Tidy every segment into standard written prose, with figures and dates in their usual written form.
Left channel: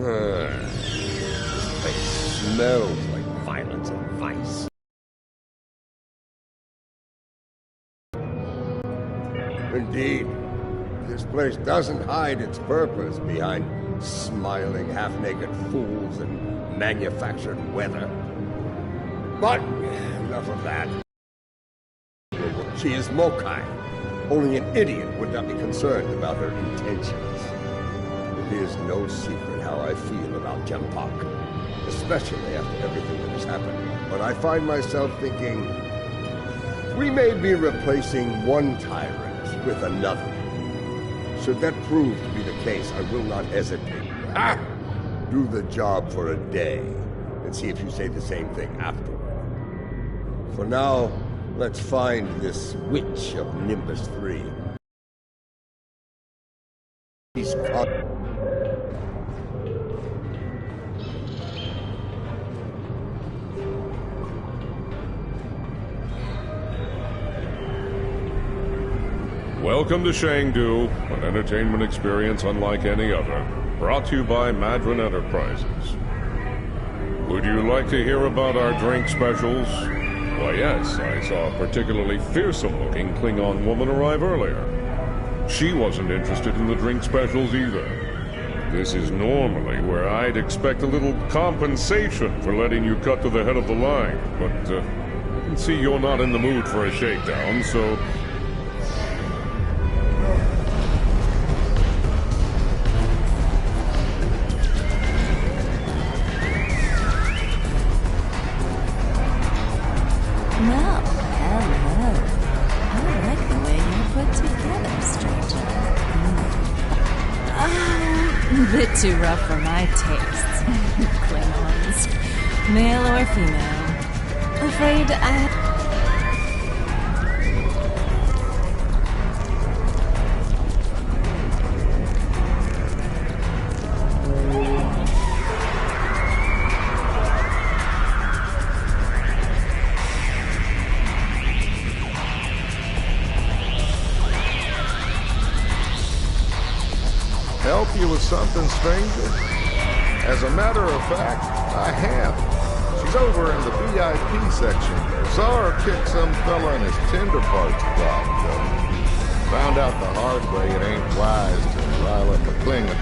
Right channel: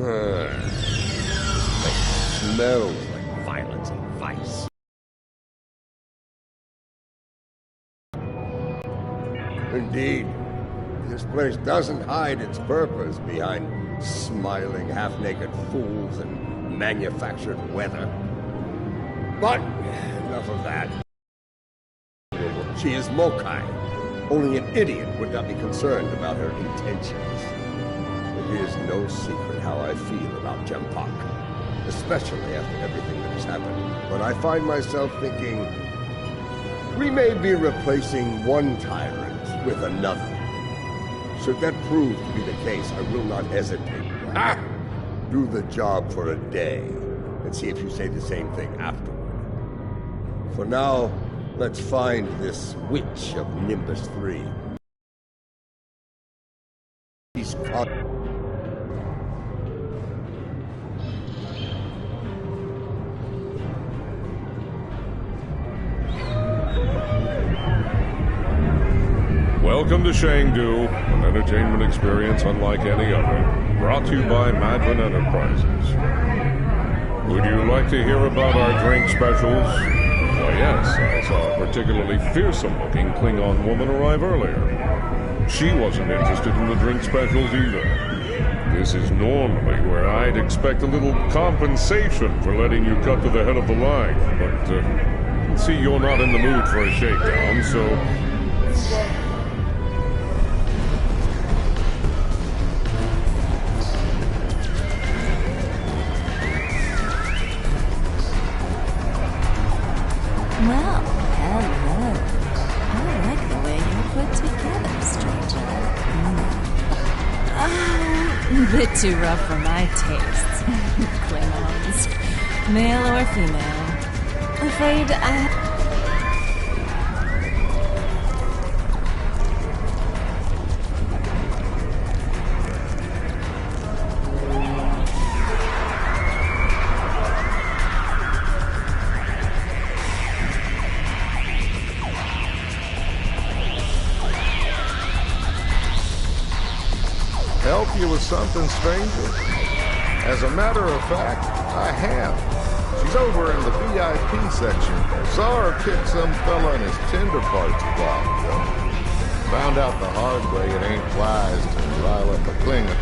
This place smells like violence and vice. Indeed, this place doesn't hide its purpose behind smiling, half-naked fools and manufactured weather. But enough of that. She is Mokai. Only an idiot would not be concerned about her intentions. It is no secret how I feel about Jempak, especially after everything that has happened. But I find myself thinking, we may be replacing one tyrant with another. Should that prove to be the case, I will not hesitate. Do the job for a day, and see if you say the same thing afterward. For now, let's find this witch of Nimbus 3. He's caught. Welcome to Shangdu, an entertainment experience unlike any other, brought to you by Madron Enterprises. Would you like to hear about our drink specials? Why yes, I saw a particularly fearsome-looking Klingon woman arrive earlier. She wasn't interested in the drink specials either. This is normally where I'd expect a little compensation for letting you cut to the head of the line, but I can see you're not in the mood for a shakedown, so... Well, hello. I like the way you're put together, stranger. A bit too rough for my tastes. Klingons. Male or female. Afraid I... Help you with something, stranger? As a matter of fact, I have. She's over in the VIP section. Saw her kick some fella in his tender parts a while ago. Found out the hard way it ain't wise to rile up a Klingon.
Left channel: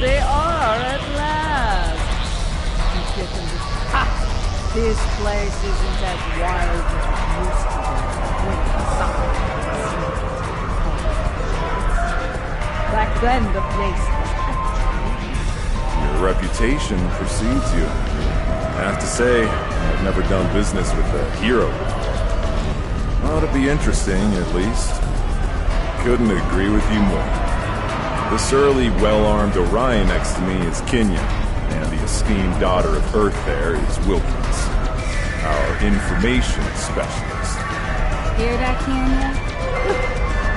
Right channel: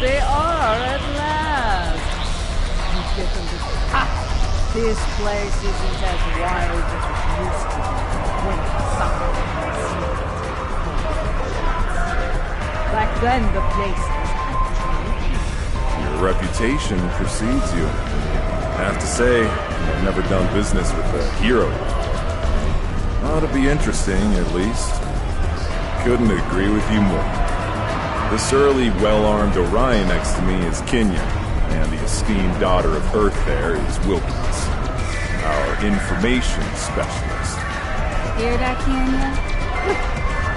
They are at last. You get them to... Ha! This place isn't as wild as it used to be when the sun Back then, the place was actually... Your reputation precedes you. I have to say, I've never done business with a hero before. Ought to be interesting, at least. Couldn't agree with you more. The surly, well-armed Orion next to me is Kenya, and the esteemed daughter of Earth there is Wilkins, our information specialist. Hear that, Kenya?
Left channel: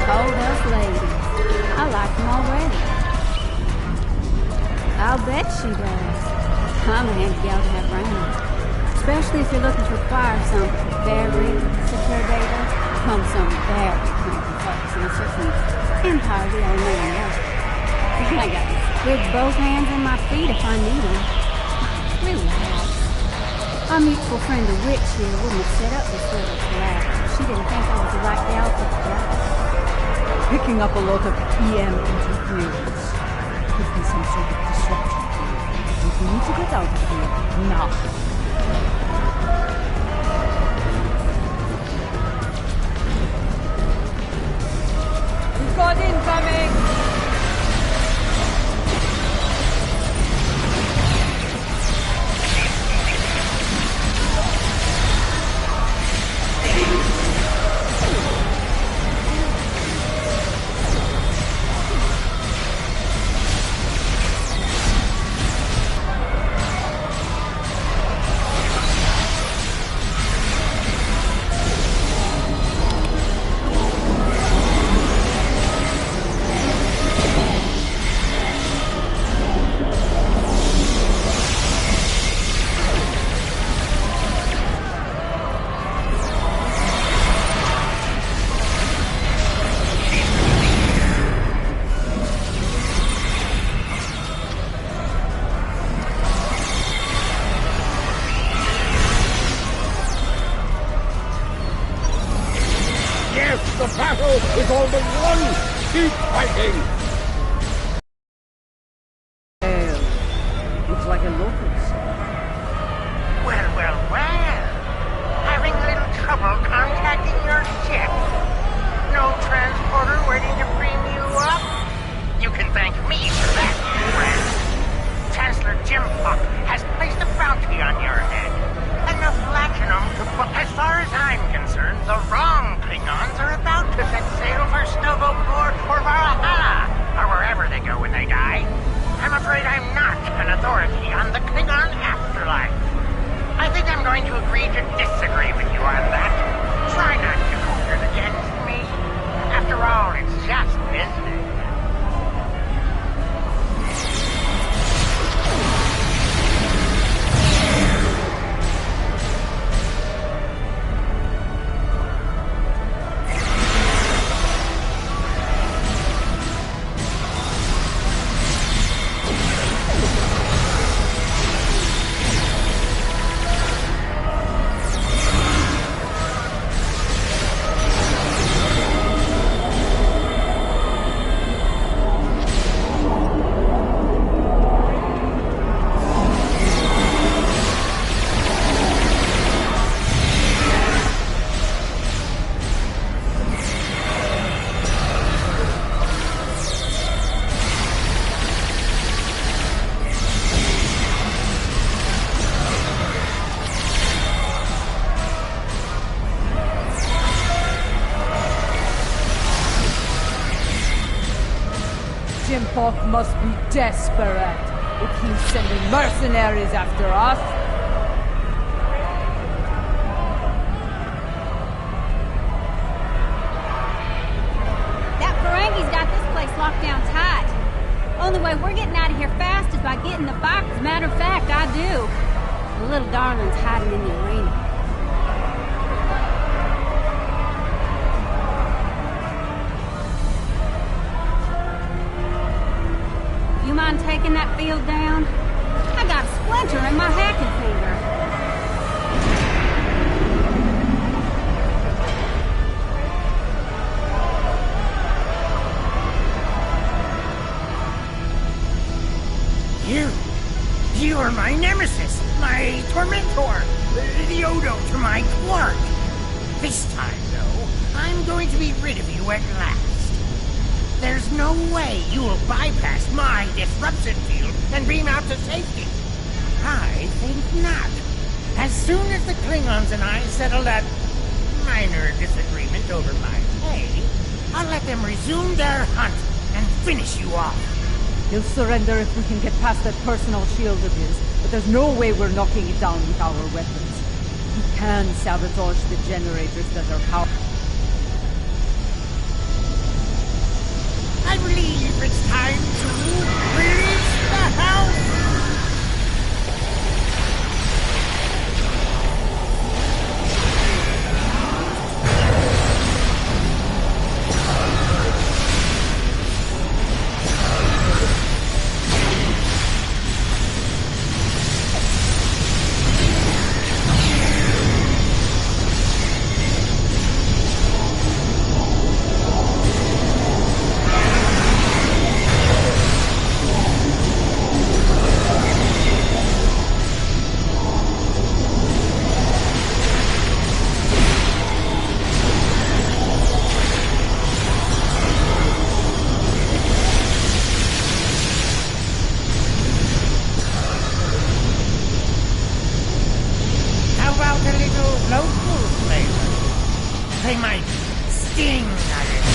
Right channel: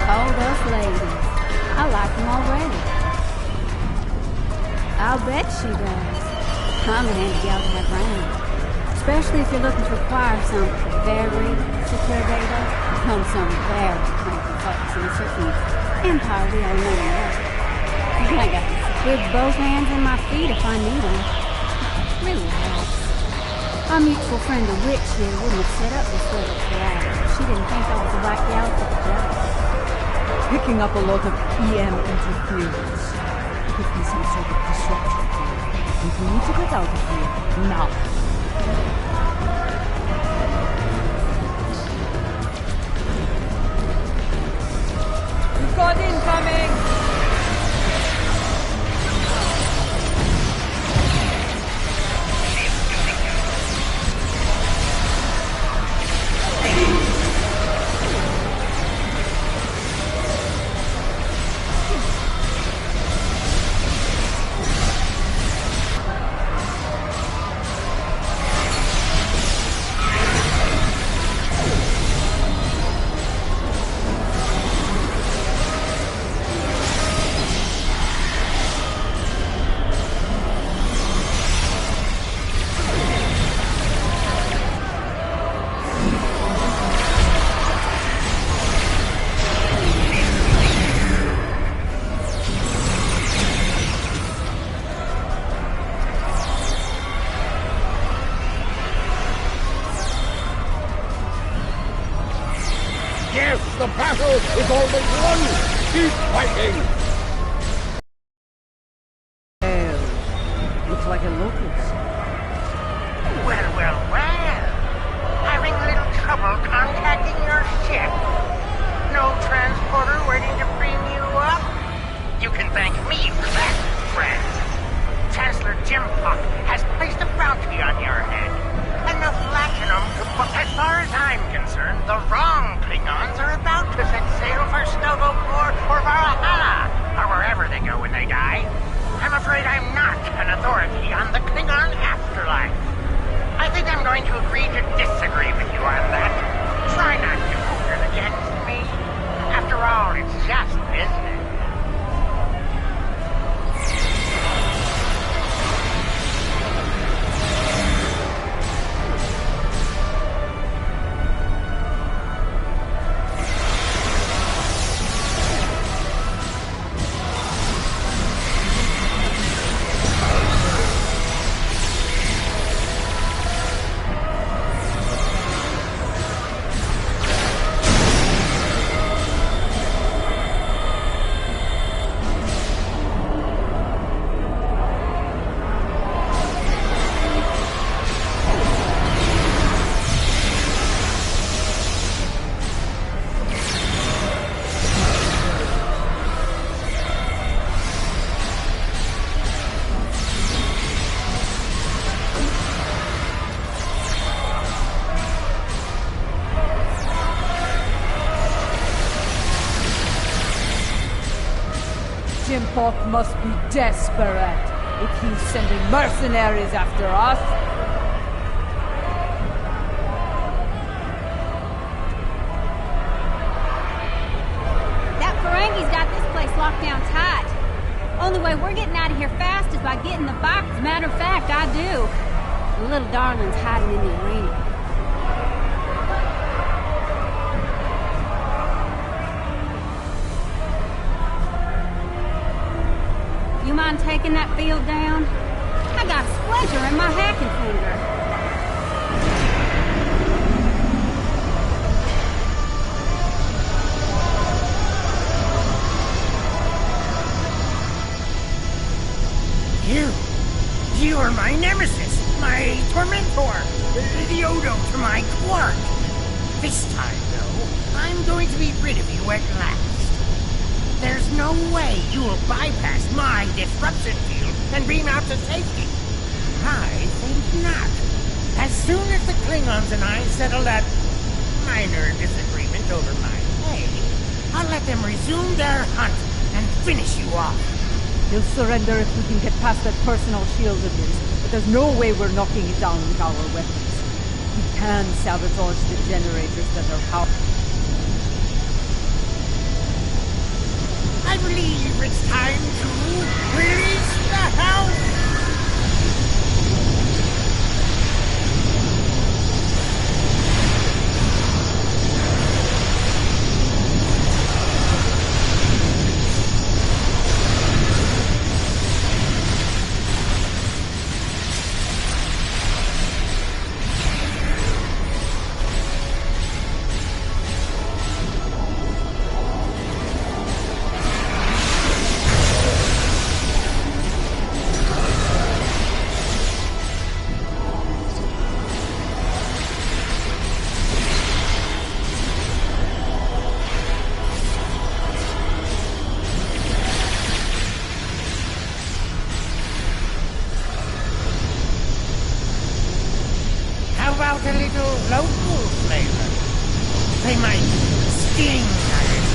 Hold us ladies. I like them already. I'll bet she does. I'm a handy gal to have around. Especially if you're looking to acquire some very secure data from some very cranky folks in a certain empire we all know and love. I got with both hands and my feet if I need them. Relax. Our mutual friend the witch here wouldn't have set up this little collab if she didn't think I was the right gal for the job. Picking up a lot of EM interference. Could be some sort of disruption here. And we need to get out of here now. We've got incoming! The battle is all but won! Keep fighting! Looks like a locust. Well, well, well. Having a little trouble contacting your ship. No transporter waiting to bring you up? You can thank me for that, friend. Chancellor Jim Puck has placed a bounty on your head. Enough latinum to buy. As far as I'm concerned, the wrong Klingons are about to set sail for Stovopor or Valhalla, or wherever they go when they die. I'm afraid I'm not an authority on the Klingon afterlife. I think I'm going to agree to disagree with you on that. Try not to hold it against me. After all, it's just business. Jim Puck must be desperate if he's sending mercenaries after us. That Ferengi's got this place locked down tight. Only way we're getting out of here fast is by getting the box. As a matter of fact, I do. The little darling's hiding in the arena. You mind taking that field down? I got a splinter in my hacking finger. You are my nemesis, my tormentor, the Odo to my Quark. This time, though, I'm going to be rid of you at last. There's no way you'll bypass my disruption field and beam out to safety. I think not. As soon as the Klingons and I settle that minor disagreement over my pay, I'll let them resume their hunt and finish you off. He'll surrender if we can get past that personal shield of his, but there's no way we're knocking it down with our weapons. We can sabotage the generators that are powered. I believe it's time to release the house! A little local flavor. They might sting a little.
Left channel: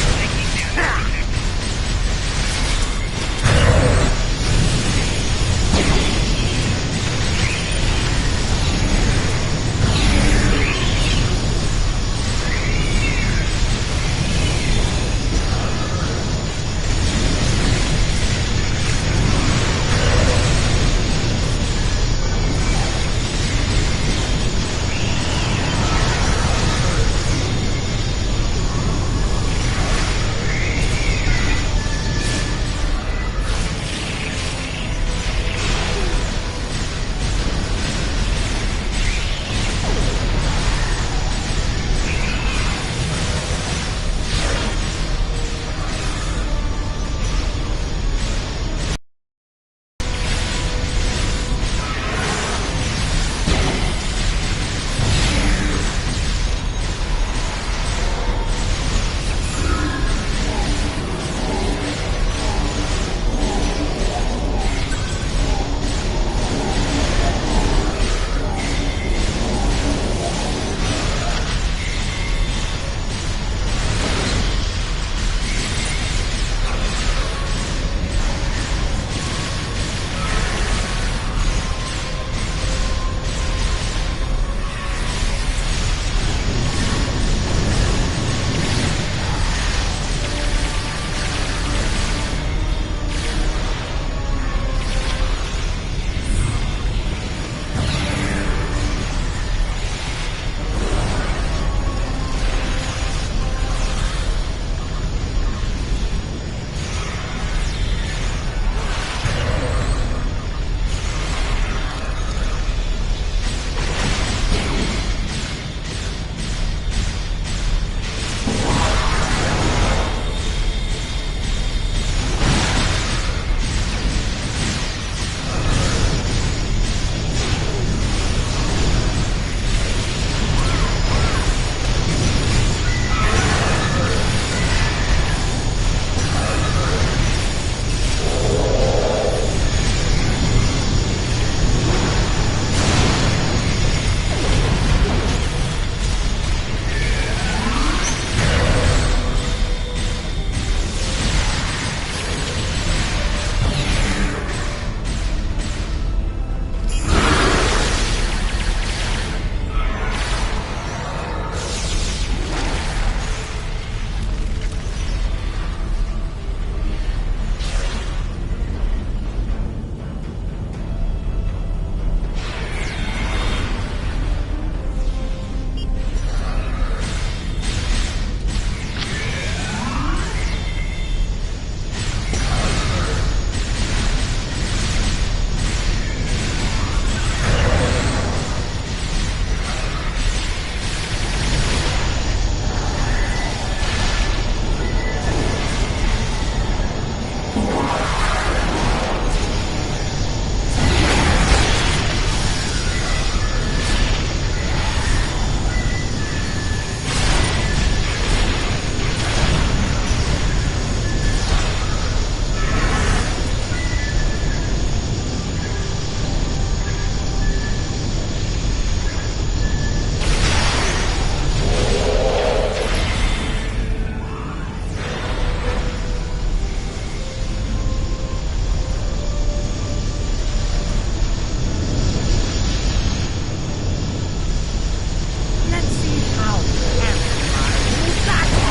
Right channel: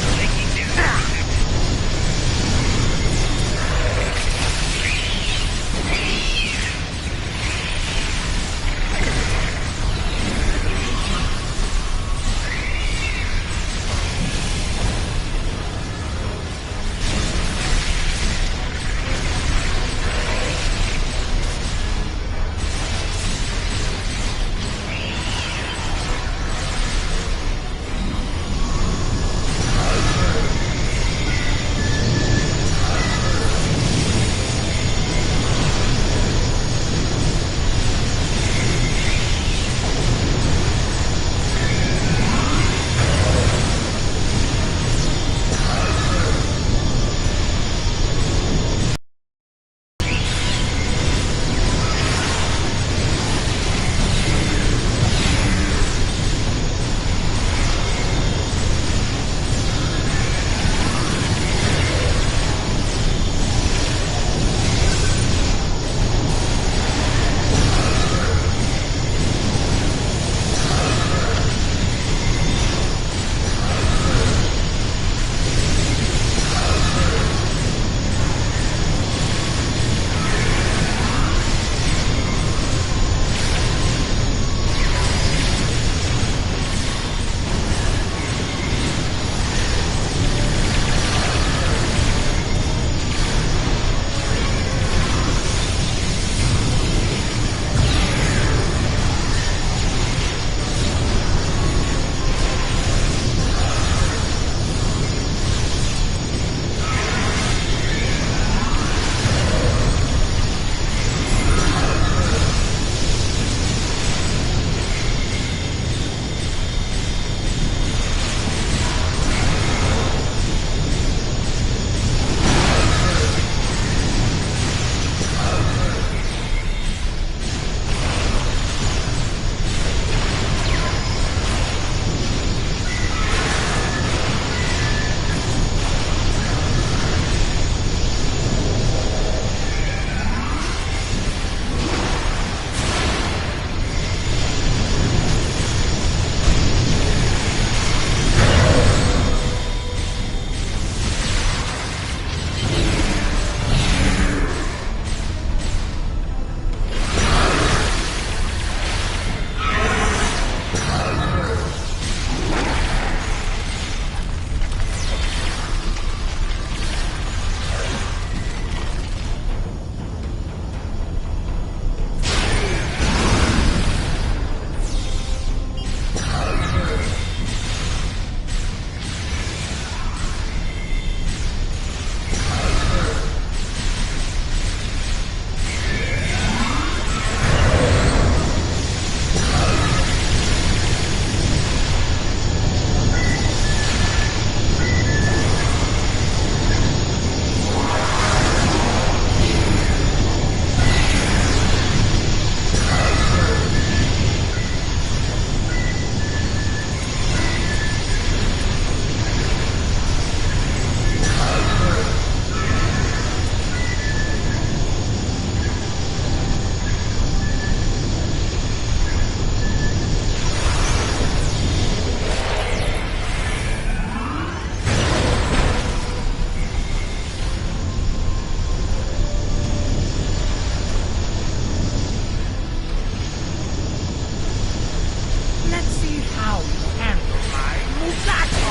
Now handle my muchacho!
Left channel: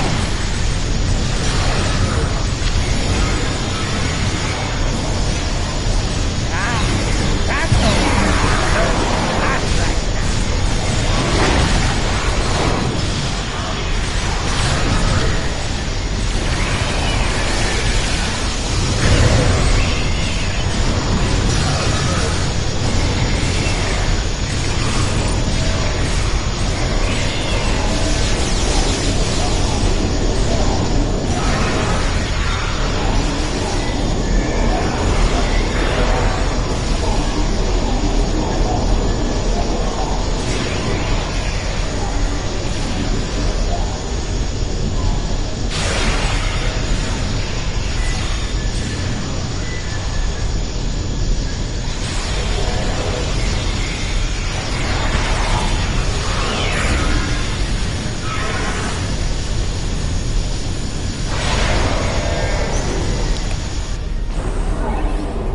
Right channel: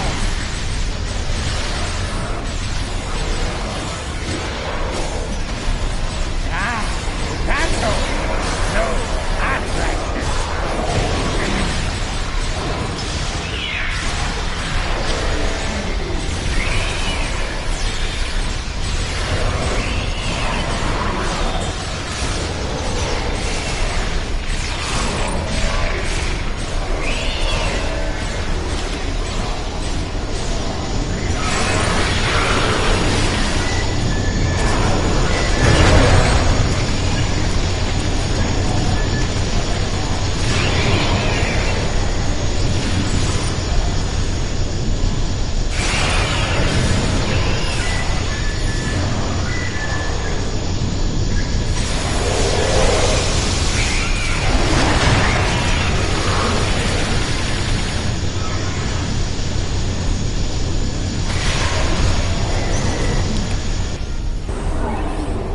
That's all. No, not right now.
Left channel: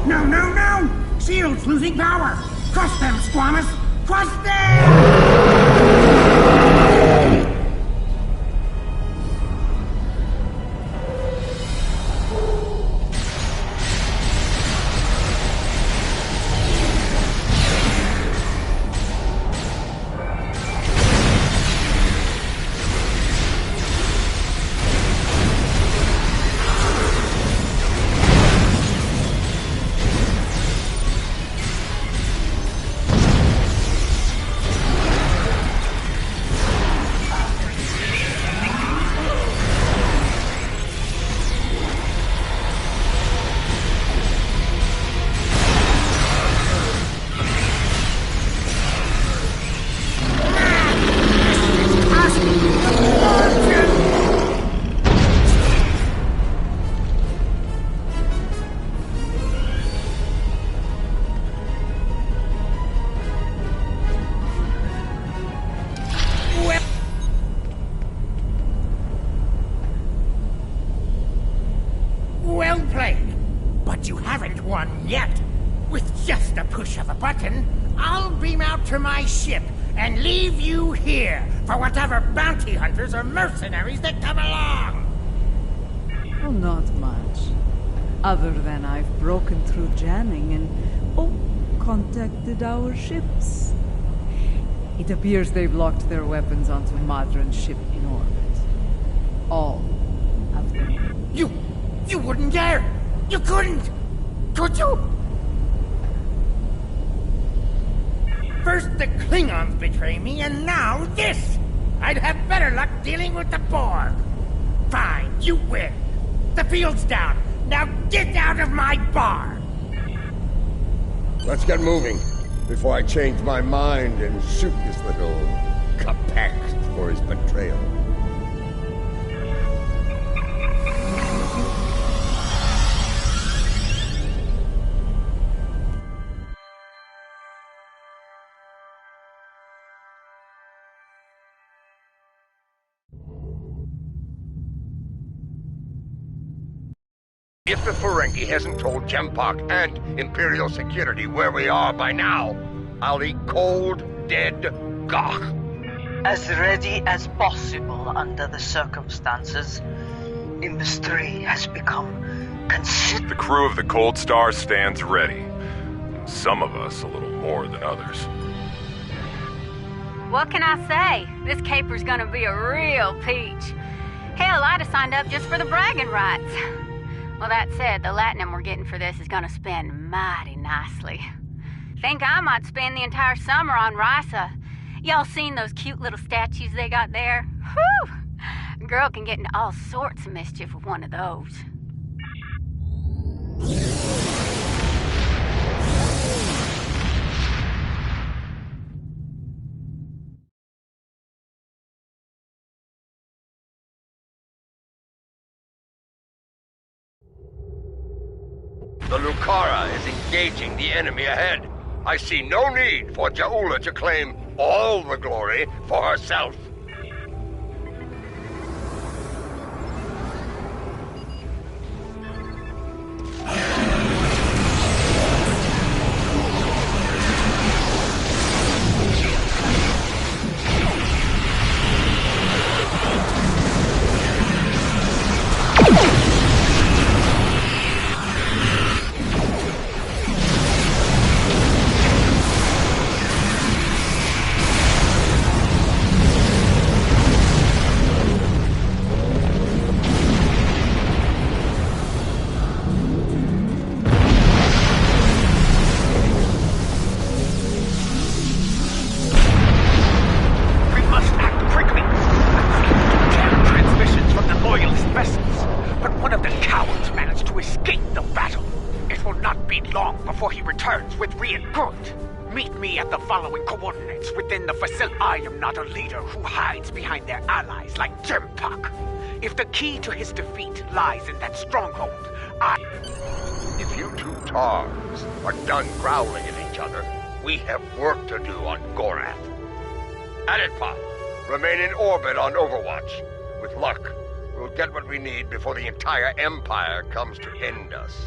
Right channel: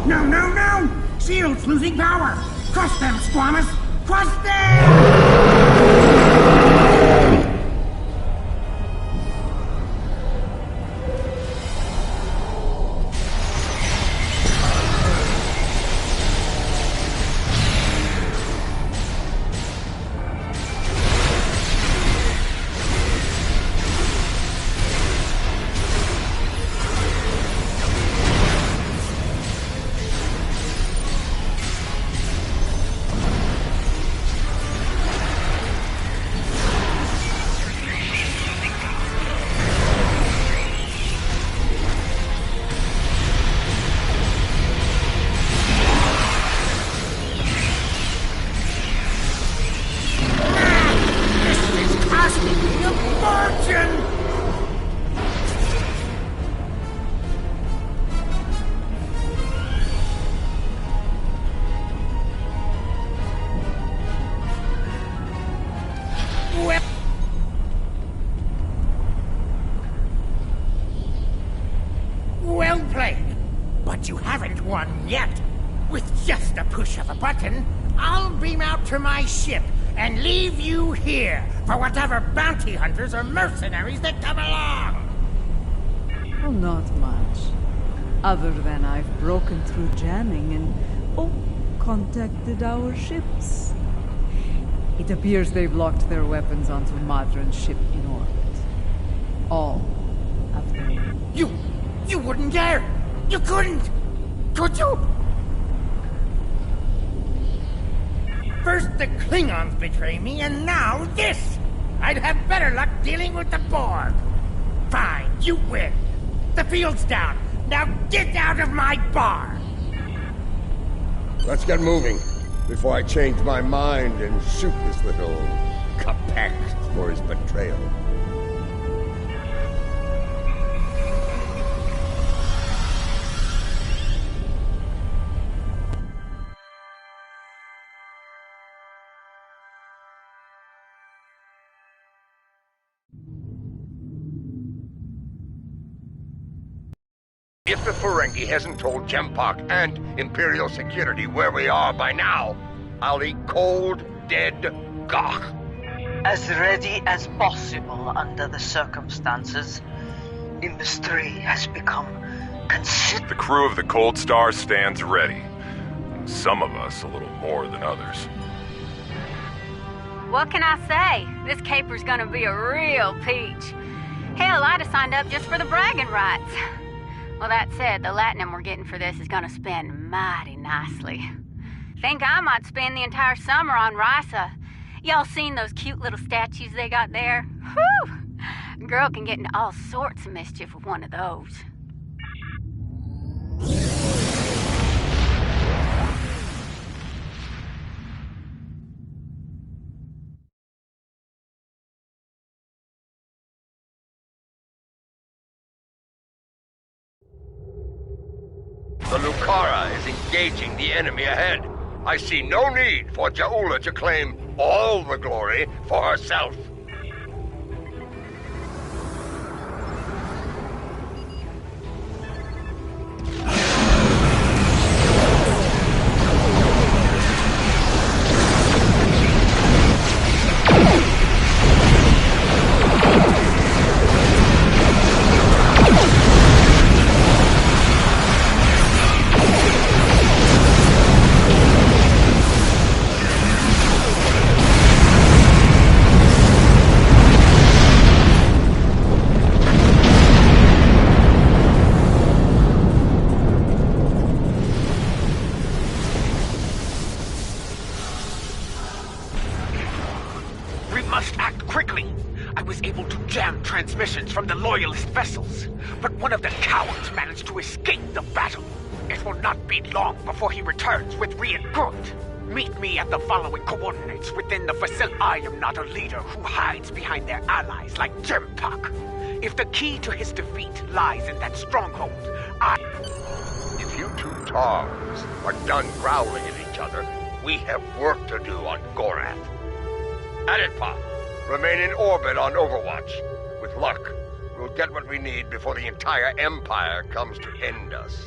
No, no, no! Shield's losing power! Crush them, Squamous! Crush them! Well played. But you haven't won yet. With just a push of a button, I'll beam out to my ship and leave you here for whatever bounty hunters or mercenaries that come along. Well, not much. Other than I've broken through jamming and, contacted our ships. It appears they've locked their weapons onto Madran's ship in orbit. All of them. You wouldn't dare! You couldn't! Could you? First the Klingons betray me, and now this! I'd have better luck dealing with the Borg. Fine, you win. The field's down. Now get out of my bar! Let's get moving, before I change my mind and shoot this little Capex for his betrayal. If the Ferengi hasn't told Jempak and Imperial Security where we are by now, I'll eat cold, dead Gach. As ready as possible under the circumstances. Nimbus 3 has become considerable. The crew of the Cold Star stands ready. Some of us a little more than others. What can I say? This caper's gonna be a real peach. Hell, I'd have signed up just for the bragging rights. Well, that said, the latinum we're getting for this is gonna spend mighty nicely. Think I might spend the entire summer on Risa. Y'all seen those cute little statues they got there? Whew! Girl can get into all sorts of mischief with one of those. The Lucara is engaging the enemy ahead. I see no need for Jaula to claim all the glory for herself. must act quickly. I was able to jam transmissions from the Loyalist vessels, but one of the cowards managed to escape the battle. It will not be long before he returns with reinforcements. Meet me at the following coordinates within the facility. I am not a leader who hides behind their allies like Jempak. If the key to his defeat lies in that stronghold, If you two tars are done growling at each other, we have work to do on GORATH. Aditpa, remain in orbit on Overwatch. With luck, we'll get what we need before the entire Empire comes to end us.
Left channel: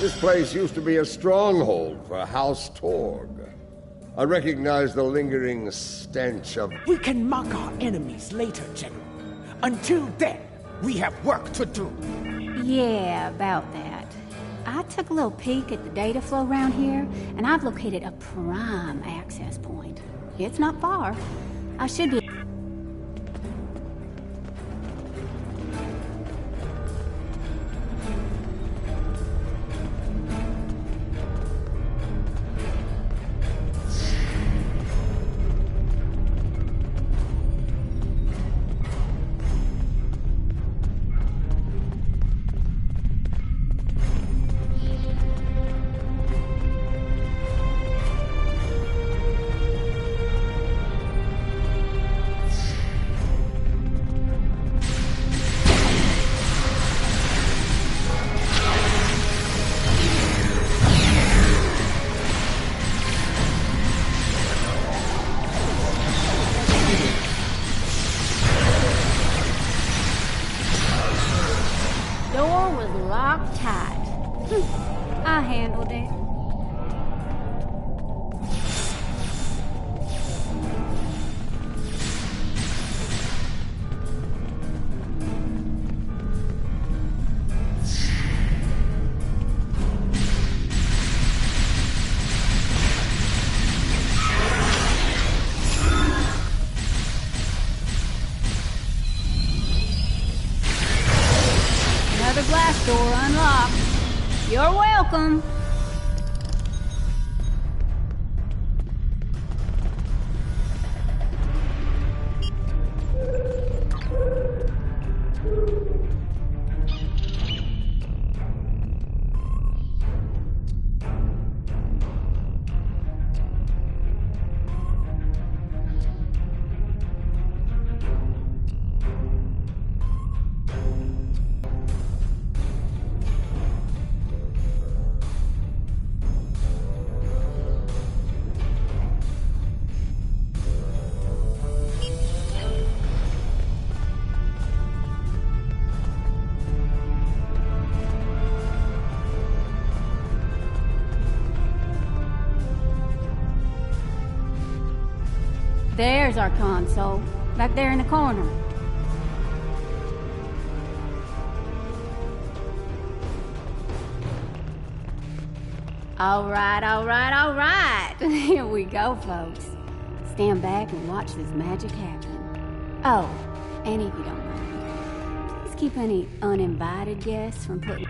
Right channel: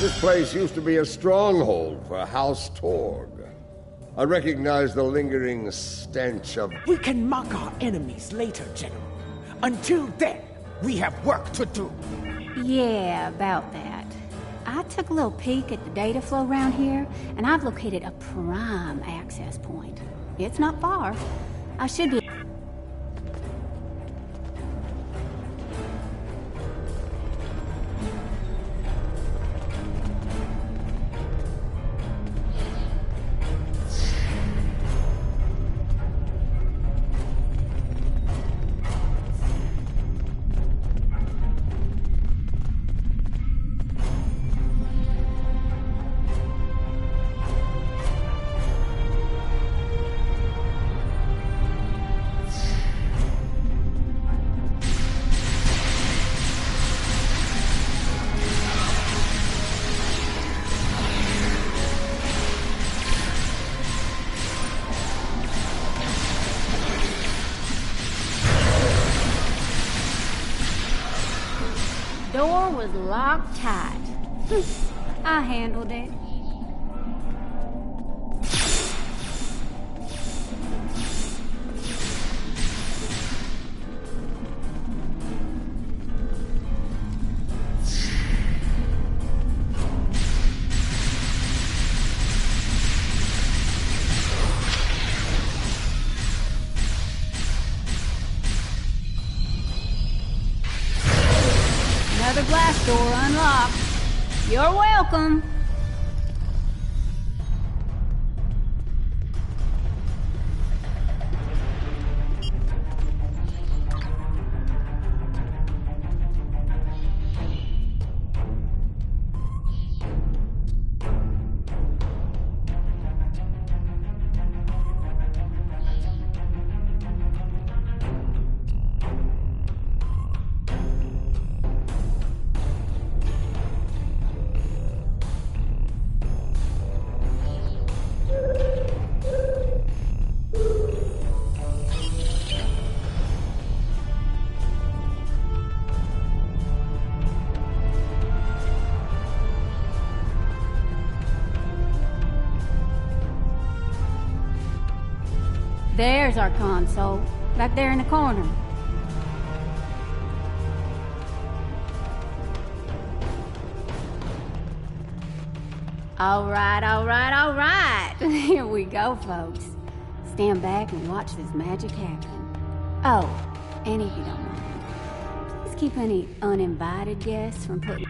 This place used to be a stronghold for House Torg. I recognize the lingering stench of... We can mock our enemies later, General. Until then, we have work to do. Yeah, about that. I took a little peek at the data flow around here, and I've located a prime access point. It's not far. I should be... Door was locked tight. I handled it. Another blast door unlocked. You're welcome. There's our console, back there in the corner. All right. Here we go, folks. Stand back and watch this magic happen. Oh, and if you don't mind, please keep any uninvited guests from putting...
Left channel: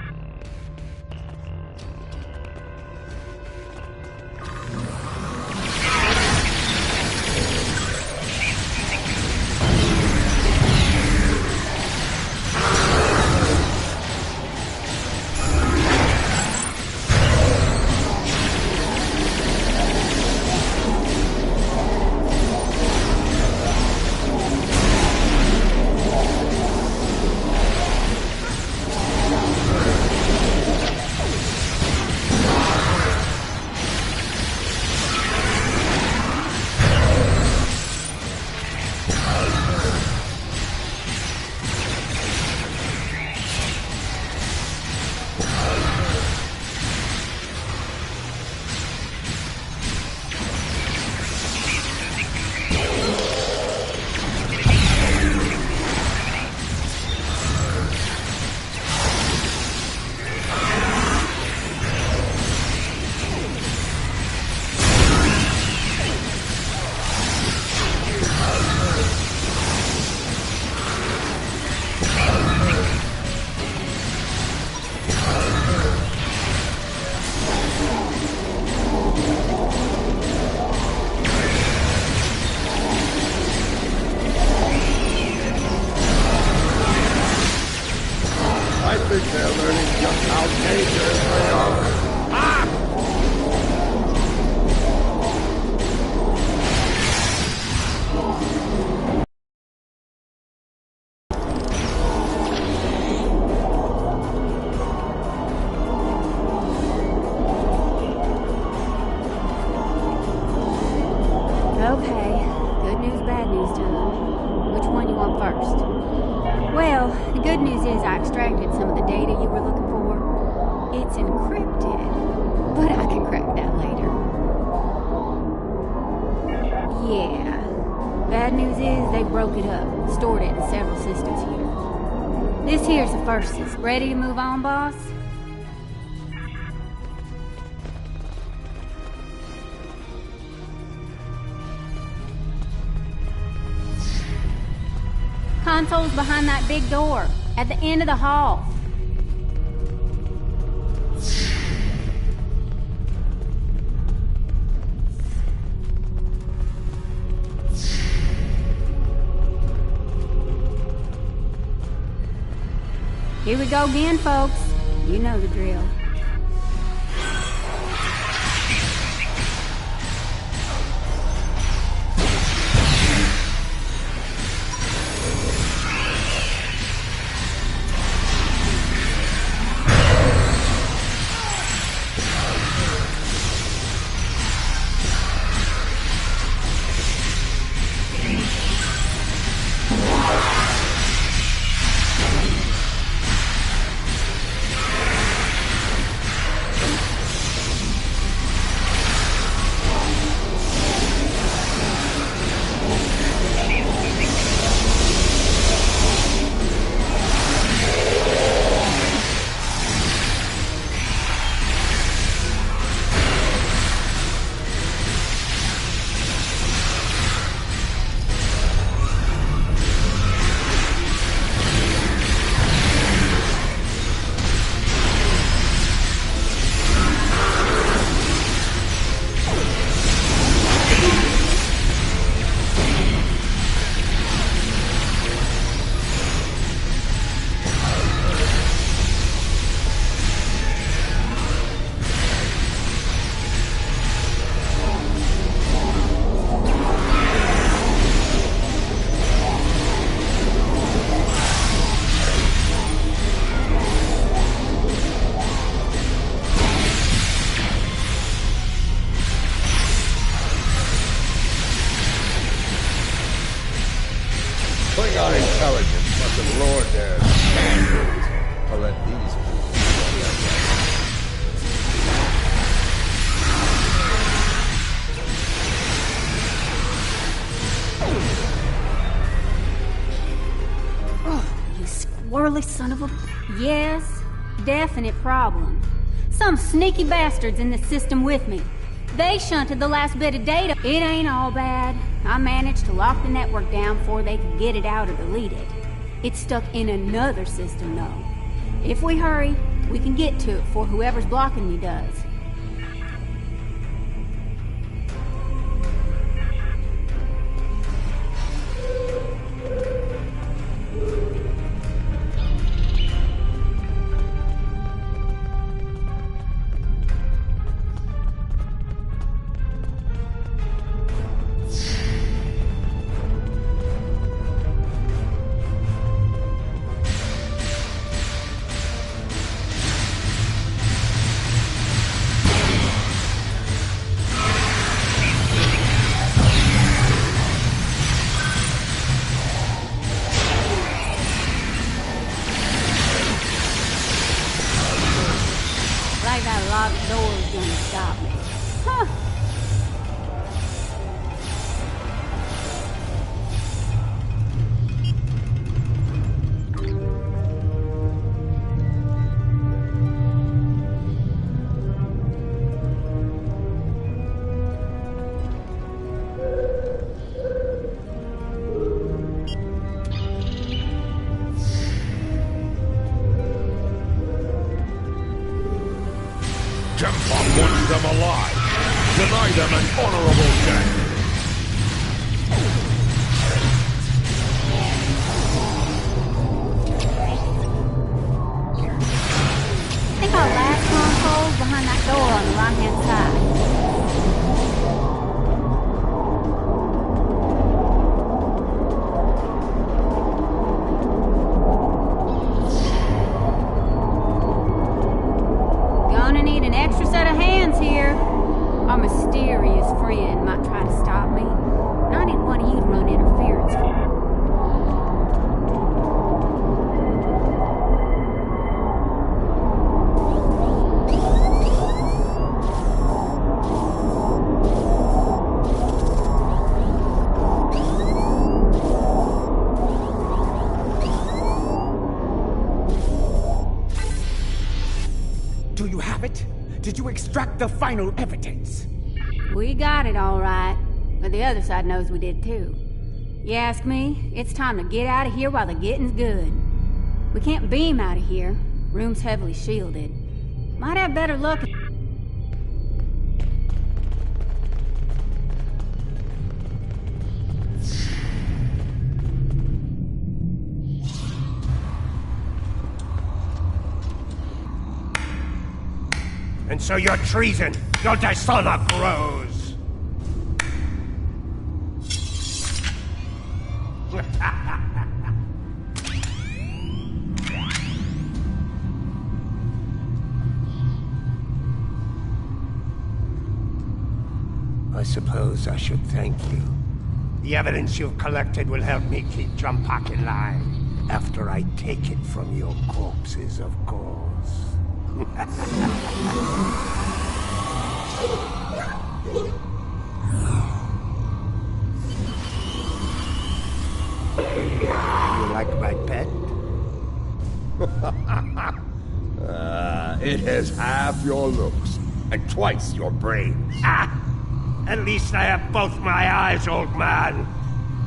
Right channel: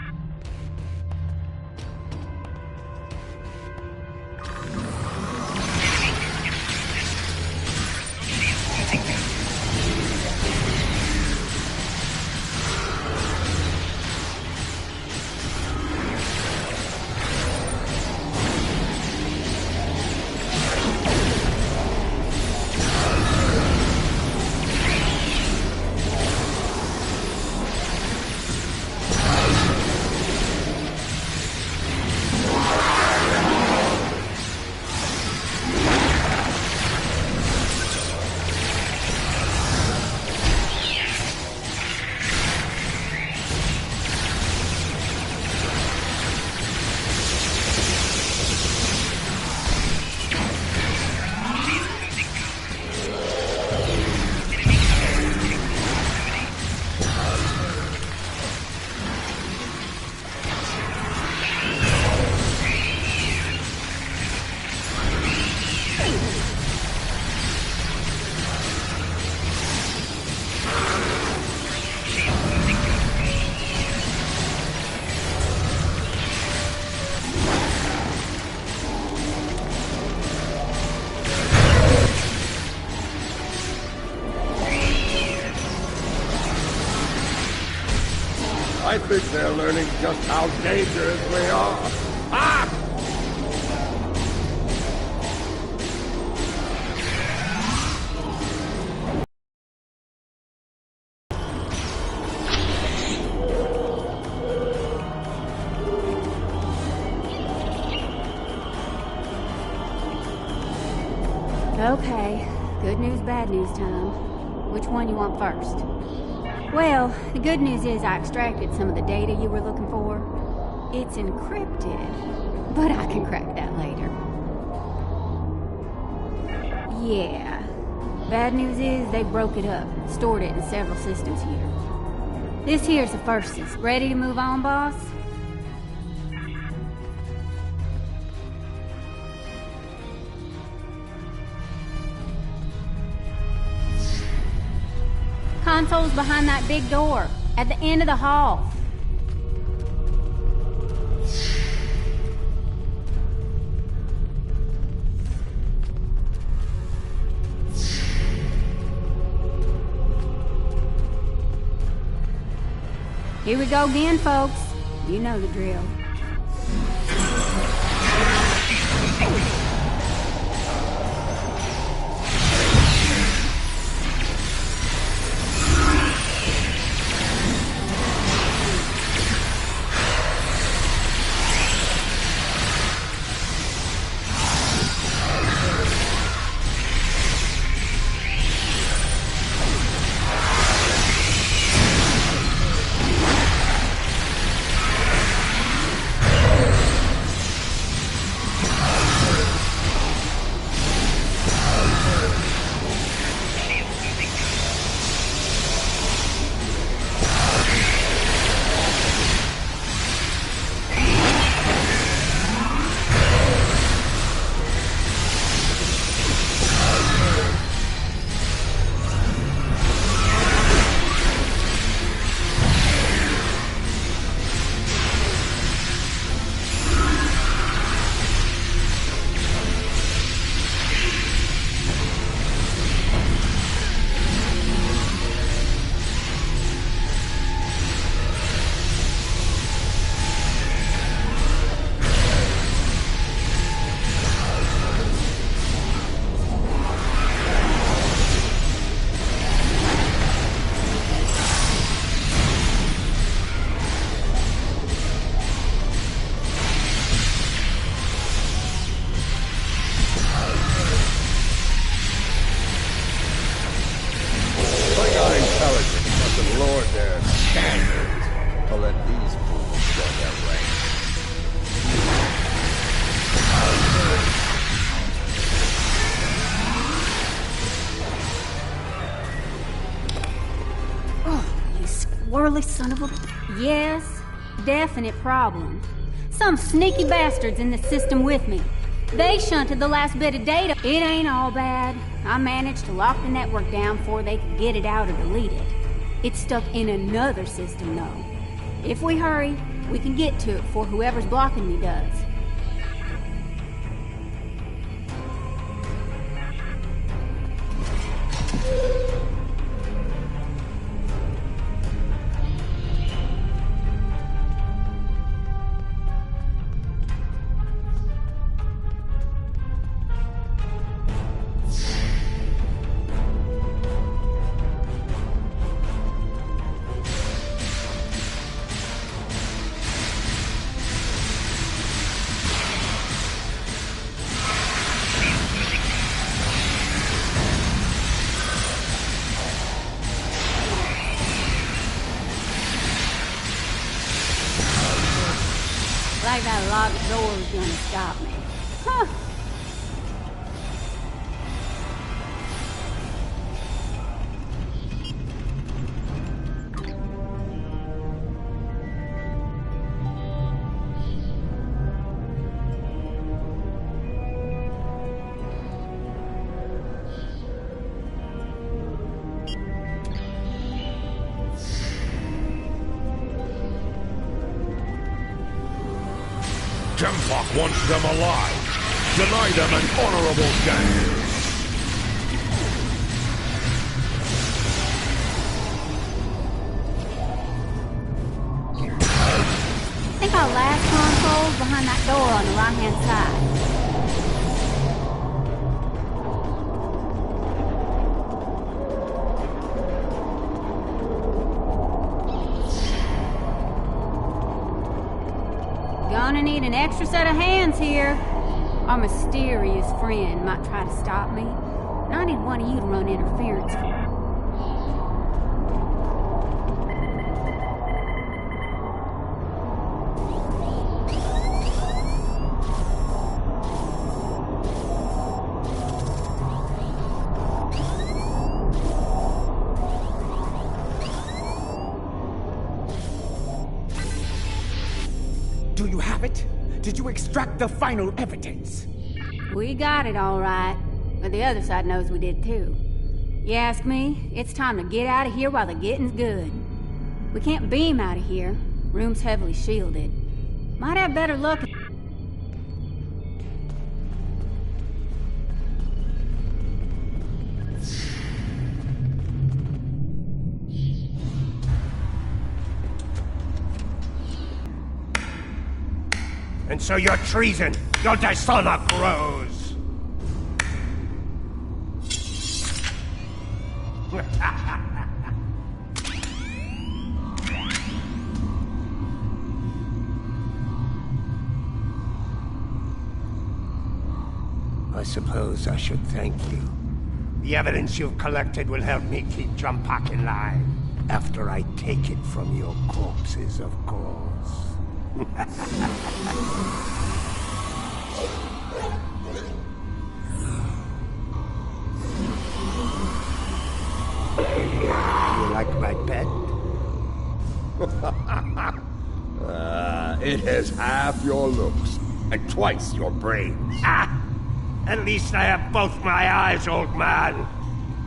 dangerously off. Ah! Okay, good news, bad news time. Which one you want first? Well, the good news is I extracted some of the data you were looking for. It's encrypted, but I can crack that later. Yeah. Bad news is they broke it up, stored it in several systems here. This here's the first system. Ready to move on, boss? Console's behind that big door, at the end of the hall. Here we go again, folks. You know the drill. Intelligence must have lowered their standards to let these fools run their ranks. Oh, you squirrely son of a... Yes, definite problem. Some sneaky bastards in the system with me. They shunted the last bit of data. It ain't all bad. I managed to lock the network down before they could get it out or delete it. It's stuck in another system, though. If we hurry, we can get to it before whoever's blocking me does. Like that locked door's gonna stop me. Huh. Jempok wants them alive. Deny them an honorable death. Think I'll door on the right-hand side. Gonna need an extra set of hands here. Our mysterious friend might try to stop me, and I need one of you to run interference for me. Do you have it? Did you extract the final evidence? We got it all right, but the other side knows we did too. You ask me, it's time to get out of here while the getting's good. We can't beam out of here. Room's heavily shielded. Might have better luck. And so your treason, your dishonor grows. I suppose I should thank you. The evidence you've collected will help me keep Jumpak in line. After I take it from your corpses, of course. You like my pet? It has half your looks and twice your brains. At least I have both my eyes, old man.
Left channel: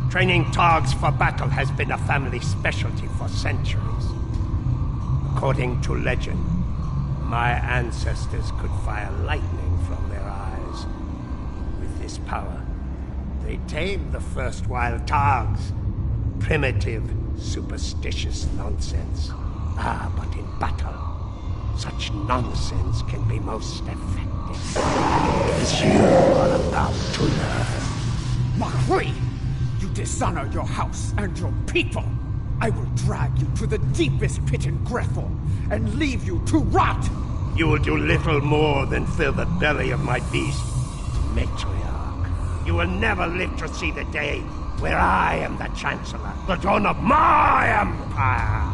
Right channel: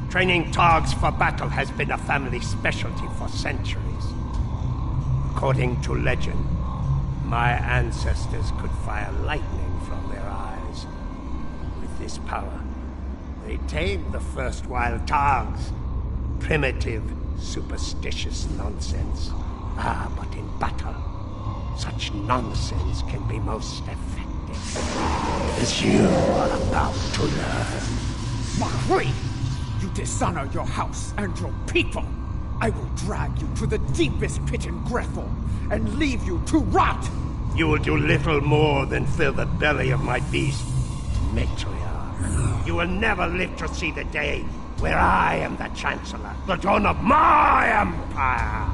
Training Targs for battle has been a family specialty for centuries. According to legend, my ancestors could fire lightning from their eyes. With this power, they tamed the first wild Targs. Primitive, superstitious nonsense. But in battle, such nonsense can be most effective. As you are about to learn. Mahri! You dishonor your house and your people! I will drag you to the deepest pit in Grethel and leave you to rot! You will do little more than fill the belly of my beast, matriarch. You will never live to see the day where I am the Chancellor, the dawn of my empire.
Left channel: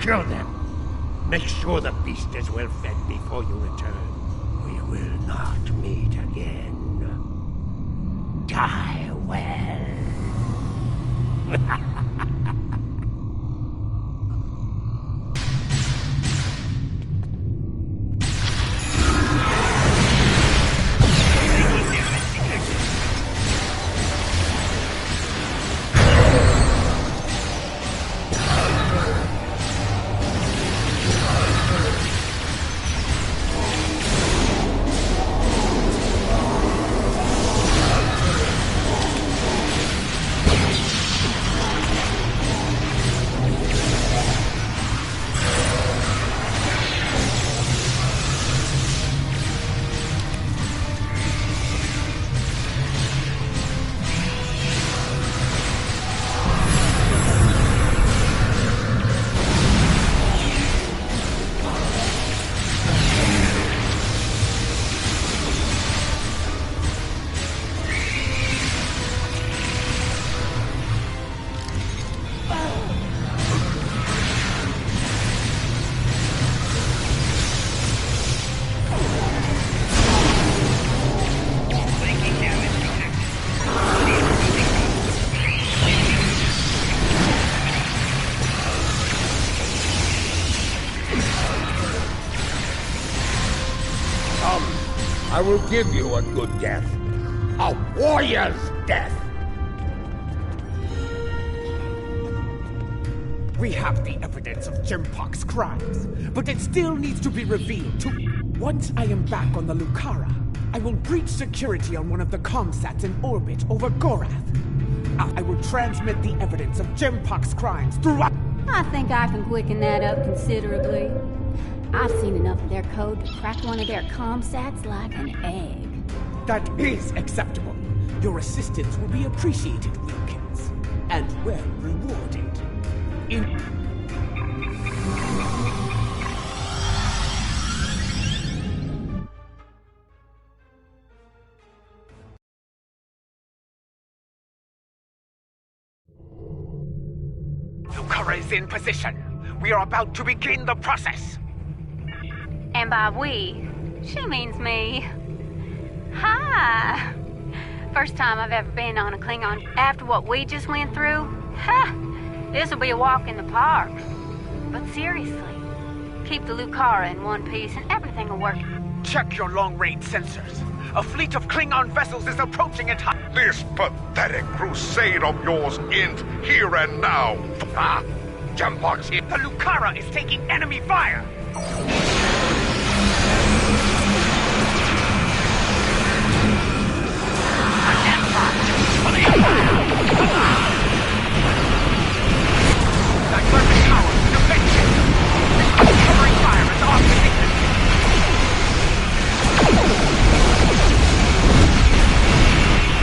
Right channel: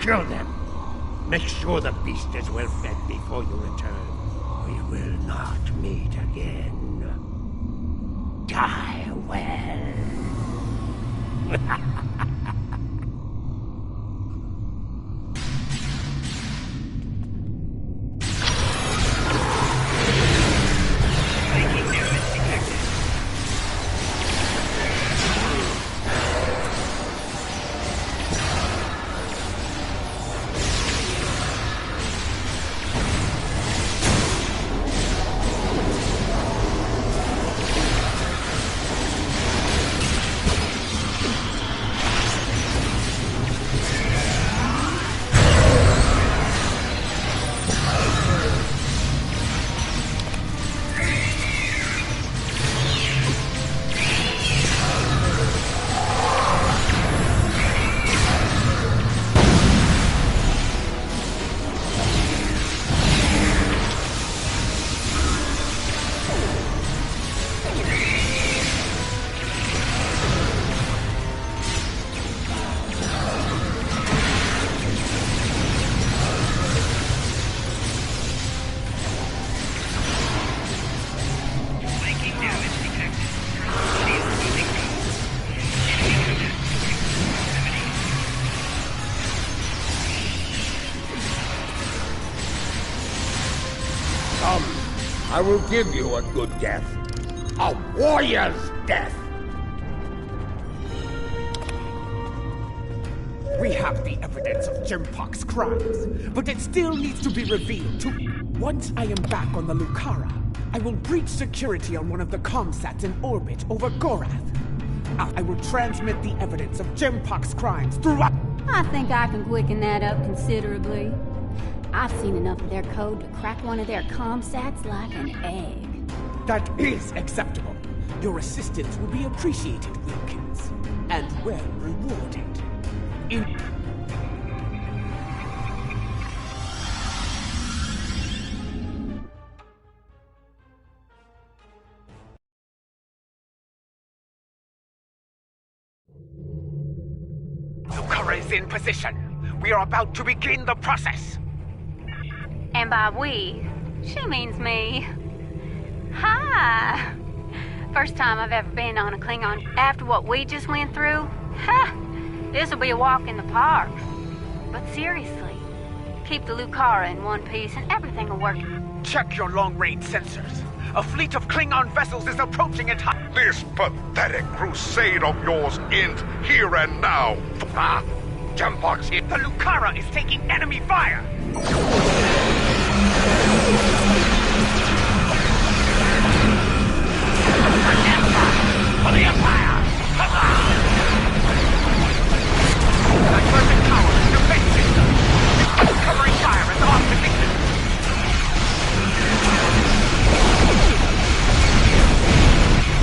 Kill them. Make sure the beast is well fed before you return. We will not meet again. Die well. I will give you a good death. A warrior's death. We have the evidence of Jimpak's crimes, but it still needs to be revealed to me. Once I am back on the Lucara, I will breach security on one of the comsats in orbit over GORATH. I will transmit the evidence of Jimpak's crimes throughout. I think I can quicken that up considerably. I've seen enough of their code to crack one of their comsats like an egg. That is acceptable. Your assistance will be appreciated, Wilkins. And well rewarded. Lucara is in position. We are about to begin the process. And by we, she means me. Hi! First time I've ever been on a Klingon. After what we just went through, this'll be a walk in the park. But seriously, keep the Lucara in one piece and everything will work. Check your long-range sensors. A fleet of Klingon vessels is approaching at high. This pathetic crusade of yours ends here and now. Jempok's here. The Lucara is taking enemy fire. For the Empire! Divergent power, defense system. Covering fire is off position.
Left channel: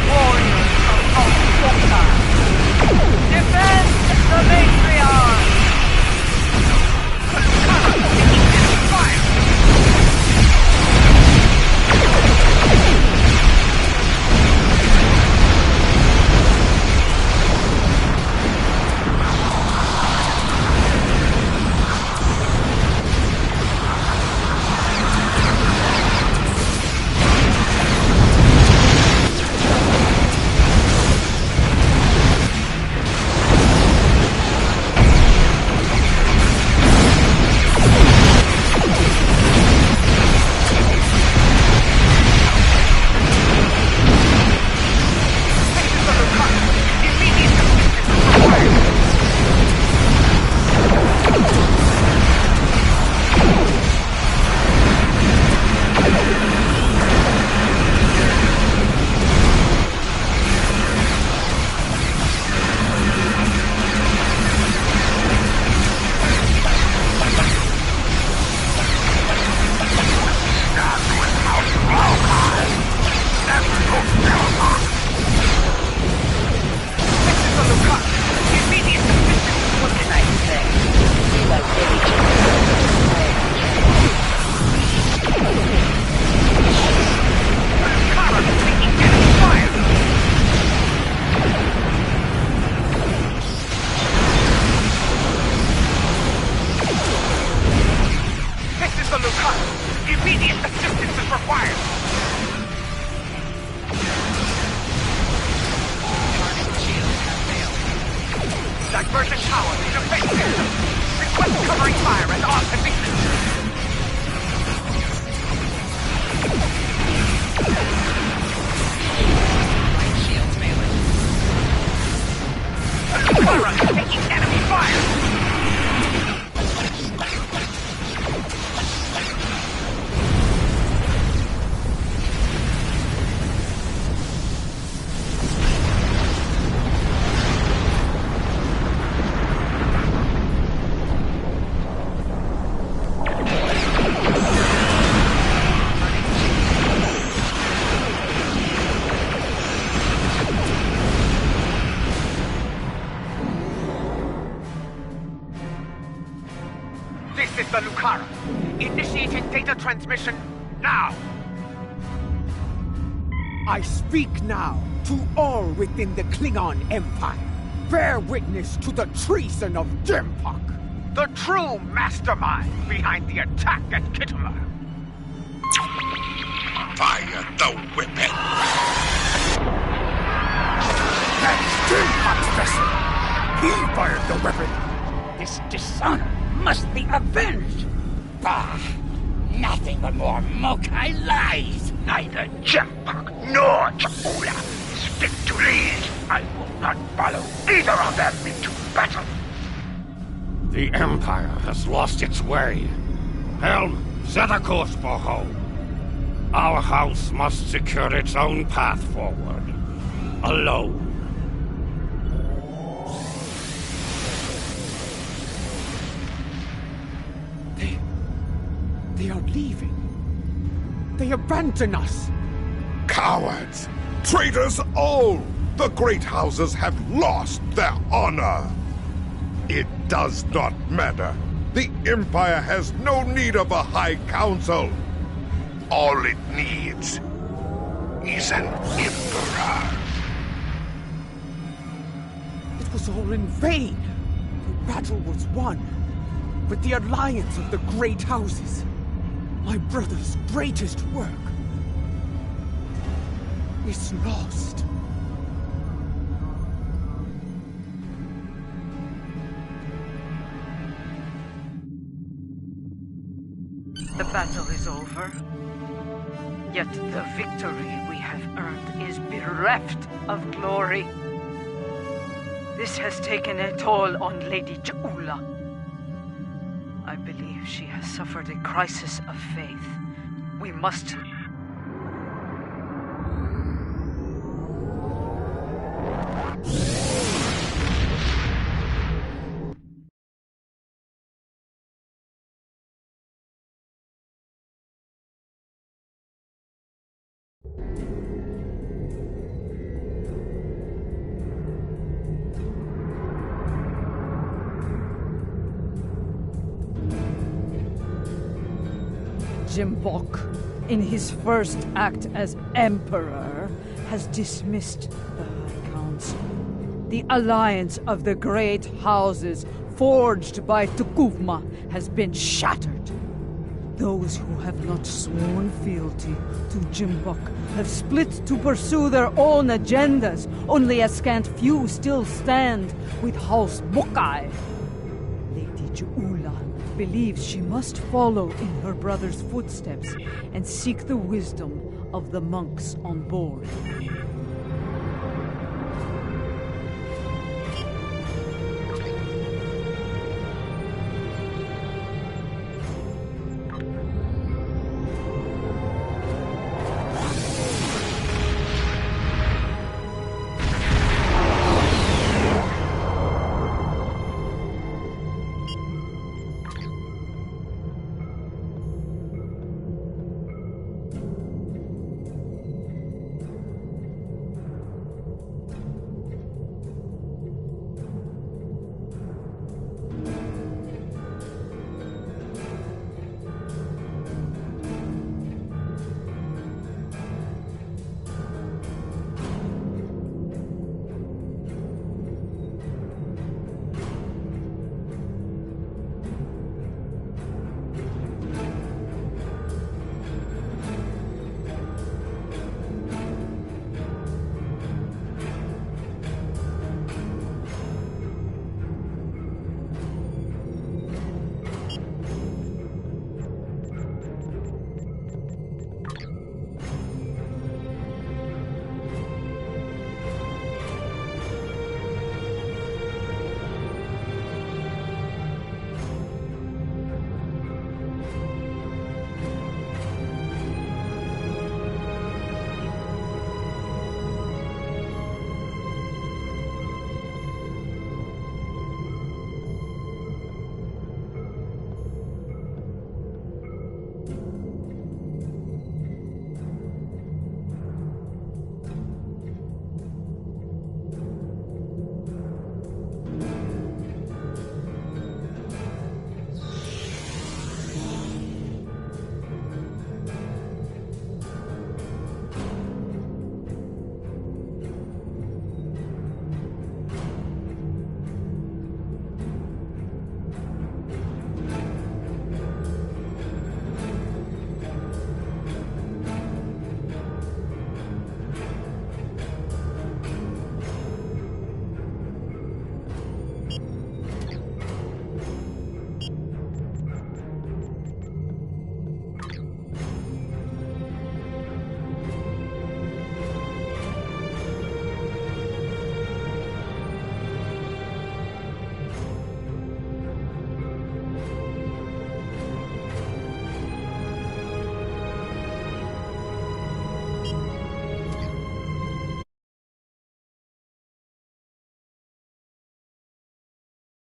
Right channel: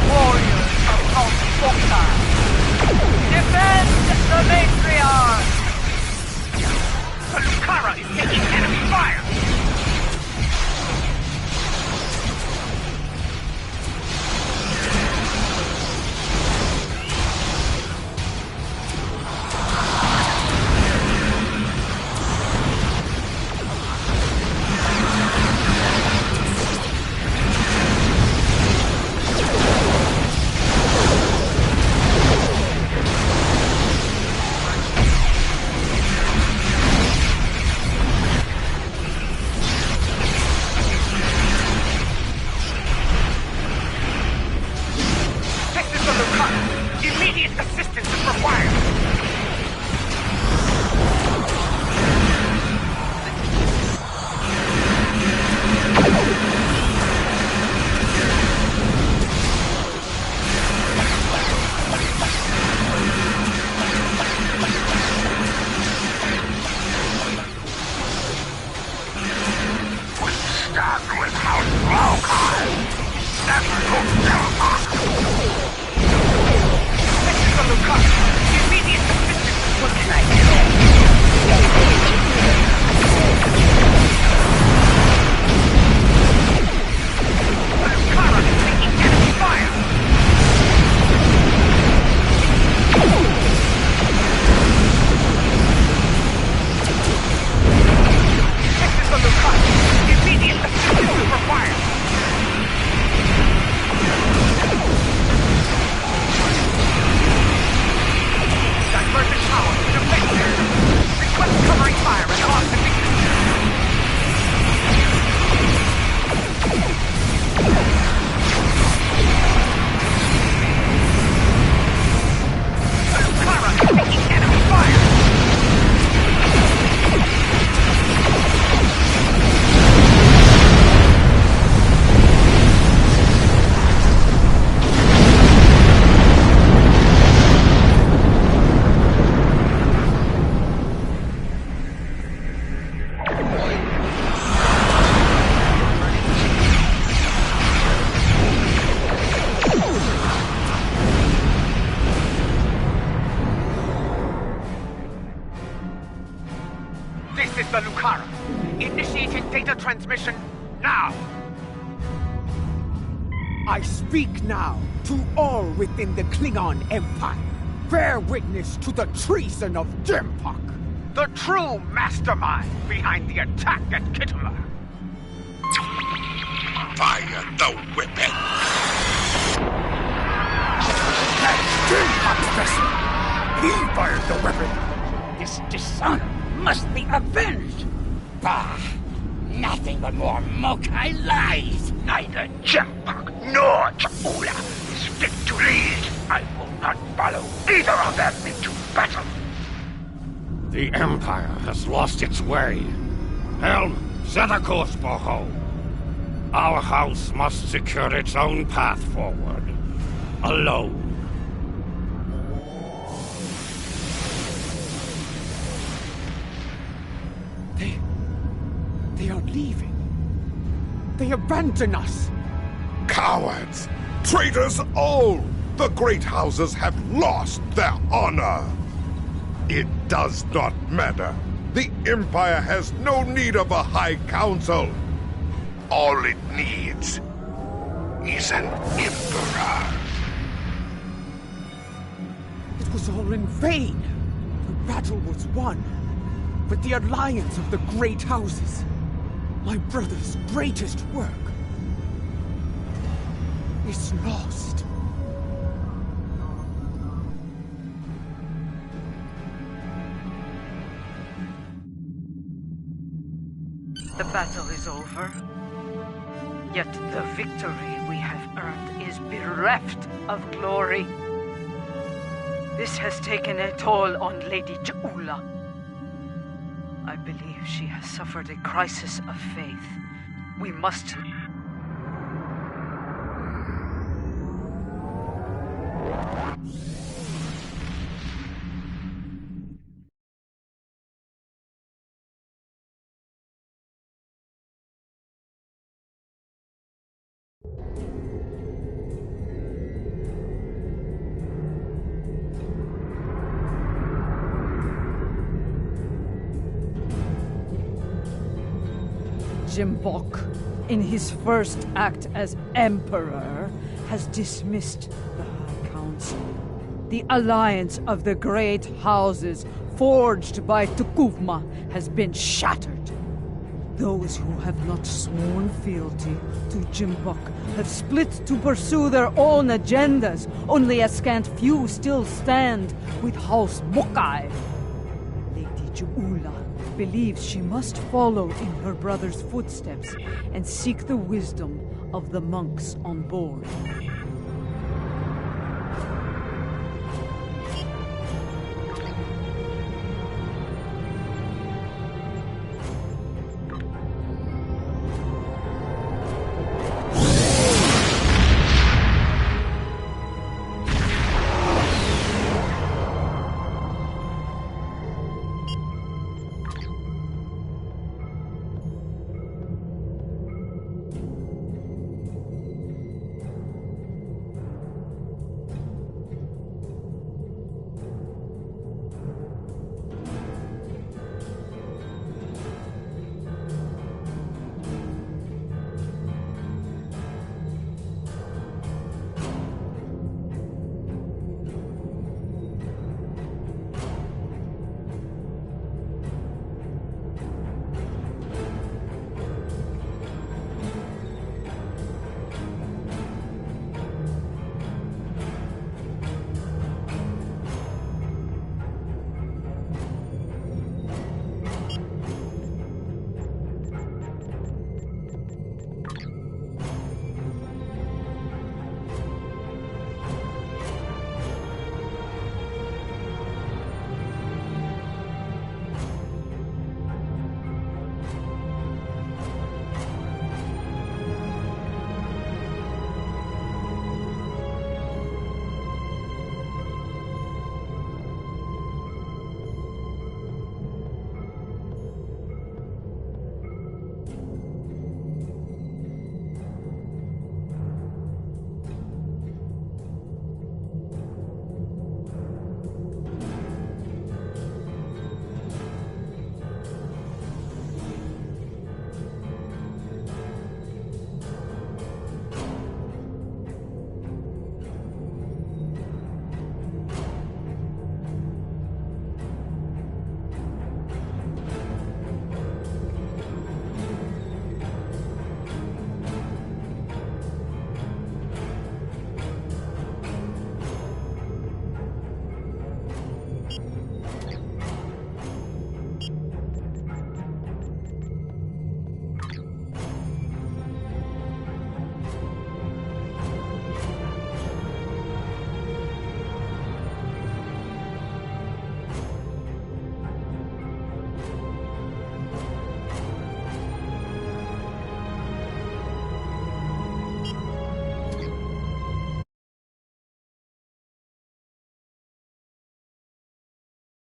Warriors of Alpha. Defend the matriarch! The Lucara is taking enemy fire! This is the Lucara. Initiating data transmission now. I speak now to all within the Klingon Empire. Bear witness to the treason of Jempok, The true mastermind behind the attack at Kittimer. Fire the weapon! That's Jempok's vessel! He fired the weapon! This dishonor must be avenged! Bah! Nothing but more Mokai lies! Neither Jempok nor Chakula is fit to lead. I will not follow either of them into battle. The Empire has lost its way. Helm, set a course for home. Our house must secure its own path forward. Alone. They are leaving. They abandon us. Cowards! Traitors all! The great houses have lost their honor. It does not matter. The Empire has no need of a High Council. All it needs is an Emperor. It was all in vain. The battle was won. But the alliance of the great houses, my brother's greatest work, is lost. The battle is over. Yet the victory we have earned is bereft of glory. This has taken a toll on Lady Ja'ula. I believe she has suffered a crisis of faith. We must... Jimbok, in his first act as Emperor, has dismissed the High Council. The alliance of the great houses forged by Tukuvma has been shattered. Those who have not sworn fealty to Jimbok have split to pursue their own agendas. Only a scant few still stand with House Mokai. Lady Ja'ula believes she must follow in her brother's footsteps and seek the wisdom of the monks on board.